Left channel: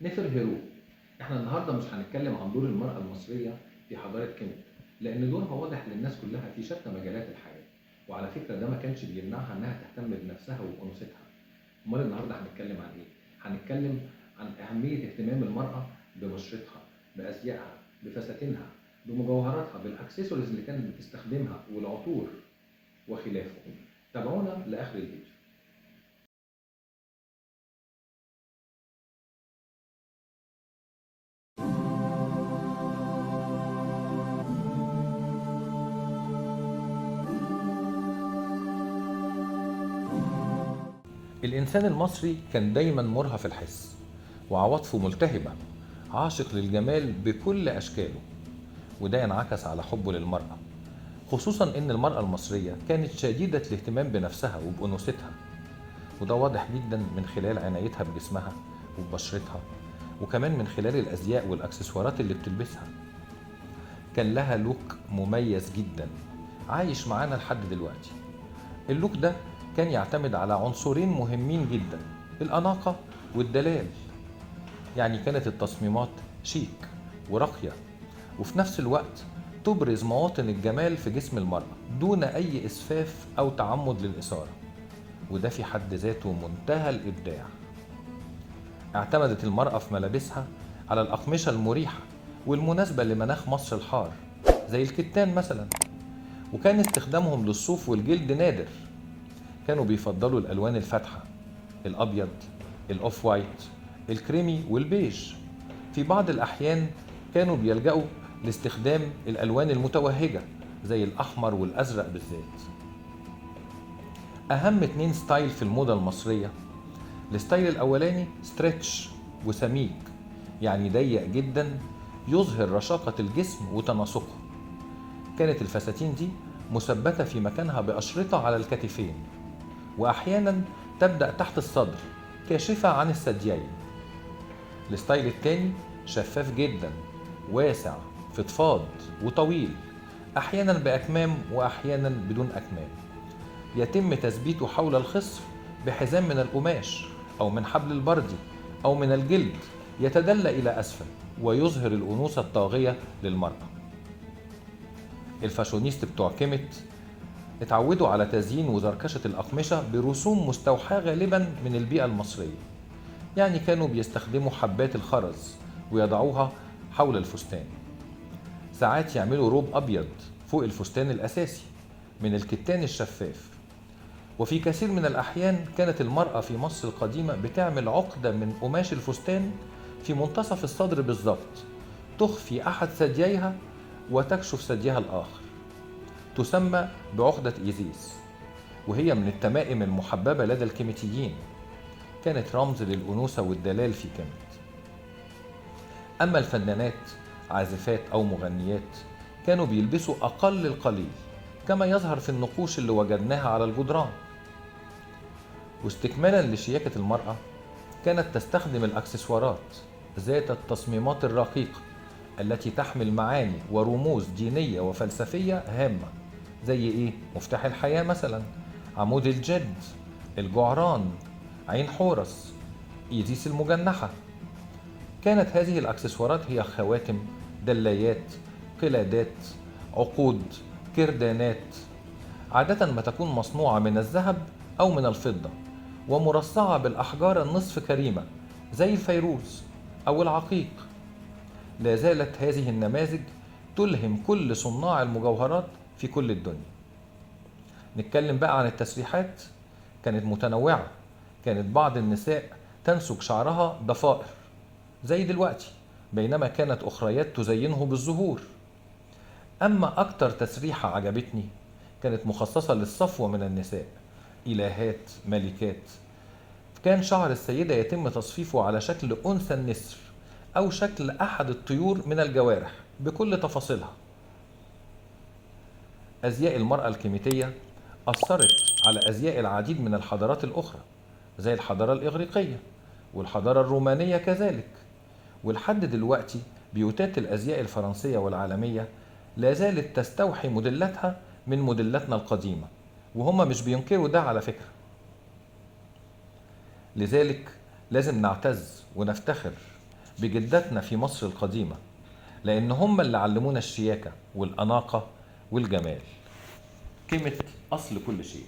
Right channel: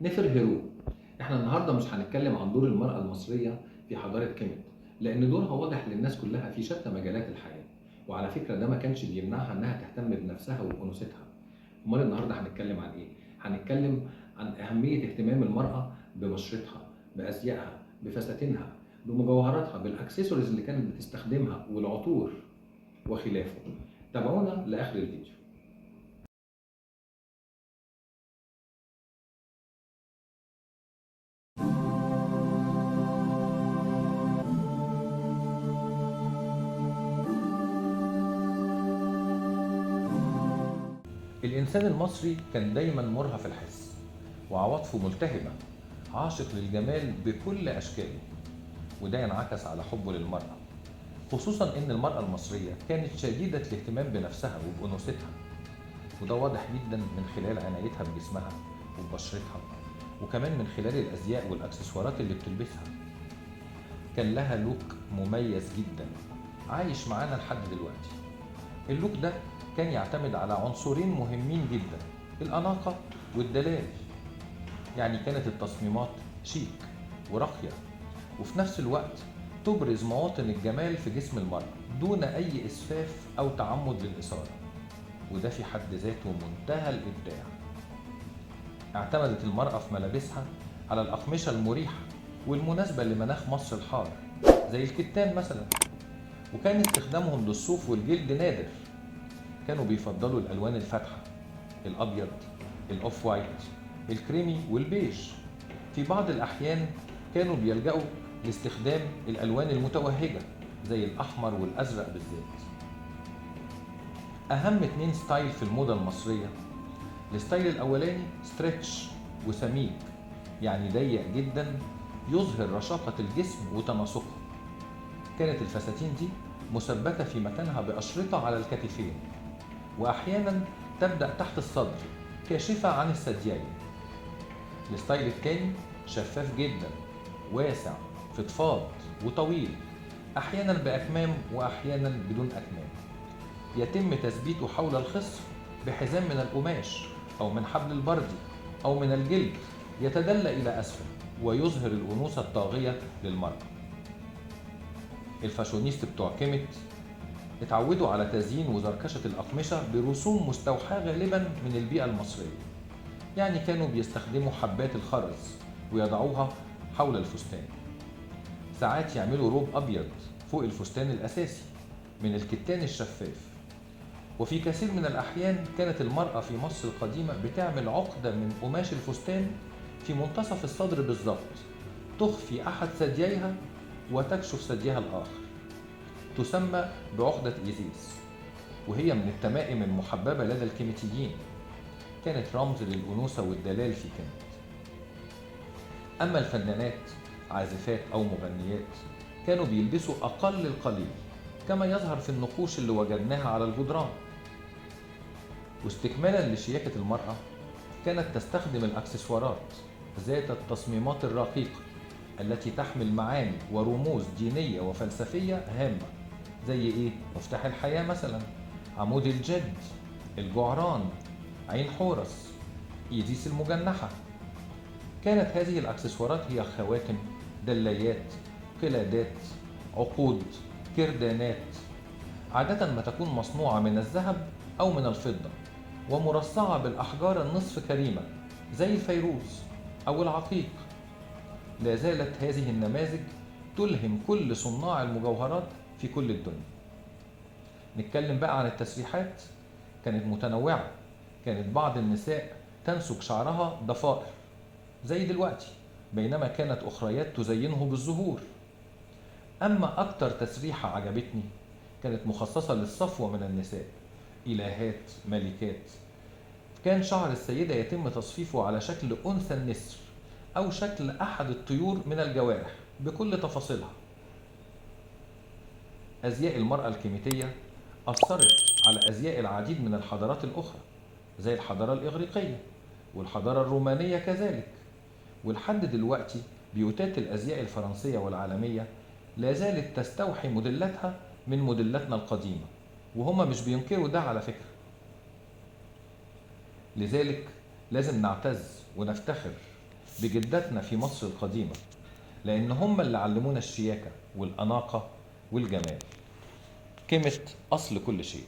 نفرهرو. احنا النهارده مش هنتكلم عن دور المرأة المصرية في حضارة كيميت، لأن دورها واضح للناس كلها في شتى مجالات الحياة، وعلى فكرة ده ما كانش بيمنعها إنها تهتم بنفسها وأنوثتها. أمال النهارده هنتكلم عن إيه؟ هنتكلم عن أهمية اهتمام المرأة ببشرتها، بأزيائها، بفساتينها، بمجوهراتها، بالأكسسوارز اللي كانت بتستخدمها والعطور وخلافه. تابعونا لآخر الفيديو. الإنسان المصري كان دايما مرهف الحس وعواطفه ملتهبة، عاشق للجمال بكل أشكاله، وده ينعكس على حبه للمرأة، خصوصا إن المرأة المصرية كانت شديدة الاهتمام بنفسها وبأنوثتها، وده واضح جدا من خلال عنايتها بجسمها وببشرتها، وكمان من خلال الأزياء والأكسسوارات اللي بتلبسها. كان لها لوك مميز جدا عايش معانا لحد دلوقتي. اللوك ده كان يعتمد على عنصرين مهمين جدا، الأناقة والدلال. يعني كانت التصميمات شيك وراقية، وفي نفس الوقت تبرز مواطن الجمال في جسم المرأة دون أي إسفاف أو تعمد للإثارة، وده في حد ذاته منتهى الإبداع. اعتمدت المرأة في ملابسها على الأقمشة المريحة والمناسبة لمناخ مصر الحار، زي الكتان مثلا، وكان استخدامهم للصوف والجلد نادر. كانوا بيفضلوا الألوان الفاتحة، الأبيض، الأوف وايت، الكريمي والبيج. في بعض الأحيان كانوا بيلجأوا لاستخدام الألوان المتوهجة زي الأحمر والأزرق بالذات. أهم 2 ستايل في الموضة المصرية: الستايل الأولاني ستريتش وسميك، يعني ضيق جدا يظهر رشاقة الجسم وتناسقه. كانت الفساتين دي مثبتة في مكانها بأشرطة على الكتفين، وأحيانا تبدأ تحت الصدر كاشفة عن الثديين. الستايل التاني شفاف جدا، واسع، فضفاض وطويل، أحيانا بأكمام وأحيانا بدون أكمام. يتم تثبيته حول الخصر بحزام من القماش أو من حبل البردي أو من الجلد، يتدلى إلى أسفل ويظهر الأنوثة الطاغية للمرأة. الفاشونيست بتوع كيميت اتعودوا على تزيين وزركشة الأقمشة برسوم مستوحاة غالبا من البيئة المصرية. يعني كانوا بيستخدموا حبات الخرز ويضعوها حول الفستان. ساعات يعملوا روب أبيض فوق الفستان الأساسي من الكتان الشفاف. وفي كثير من الأحيان كانت المرأة في مصر القديمة بتعمل عقدة من قماش الفستان في منتصف الصدر بالظبط، تخفي أحد ثدييها وتكشف ثديها الآخر، تسمى بعقدة إيزيس، وهي من التمائم المحببة لدى الكيميتيين. كانت رمز للأنوثة والدلال في كيميت. أما الفنانات، عازفات أو مغنيات، كانوا بيلبسوا أقل القليل كما يظهر في النقوش اللي وجدناها على الجدران. واستكمالا لشياكة المرأة، كانت تستخدم الأكسسوارات ذات التصميمات الرقيقة التي تحمل معاني ورموز دينية وفلسفية هامة، زي إيه؟ مفتاح الحياة مثلا، عمود الجد، الجعران، عين حورس، إيزيس المجنحة. كانت هذه الأكسسوارات هي خواتم، دلايات، قلادات، عقود، كردانات، عادة ما تكون مصنوعة من الذهب أو من الفضة ومرصعة بالأحجار النصف كريمة زي الفيروز أو العقيق. لا زالت هذه النماذج تلهم كل صناع المجوهرات في كل الدنيا. نتكلم بقى عن التسريحات. كانت متنوعة. كانت بعض النساء تنسج شعرها ضفائر زي دلوقتي، بينما كانت أخريات تزينه بالزهور. أما أكتر تسريحة عجبتني كانت مخصصة للصفوة من النساء، إلهات، ملكات. كان شعر السيدة يتم تصفيفه على شكل أنثى النسر أو شكل أحد الطيور من الجوارح بكل تفاصيلها. أزياء المرأة الكيميتية أثرت على أزياء العديد من الحضارات الأخرى، زي الحضارة الإغريقية والحضارة الرومانية كذلك. ولحد دلوقتي بيوتات الأزياء الفرنسية والعالمية لا زالت تستوحي موديلاتها من موديلاتنا القديمة، وهم مش بينكروا ده على فكرة. لذلك لازم نعتز ونفتخر بجداتنا في مصر القديمة، لأن هم اللي علمونا الشياكة والأناقة والجمال. كلمة أصل كل شيء.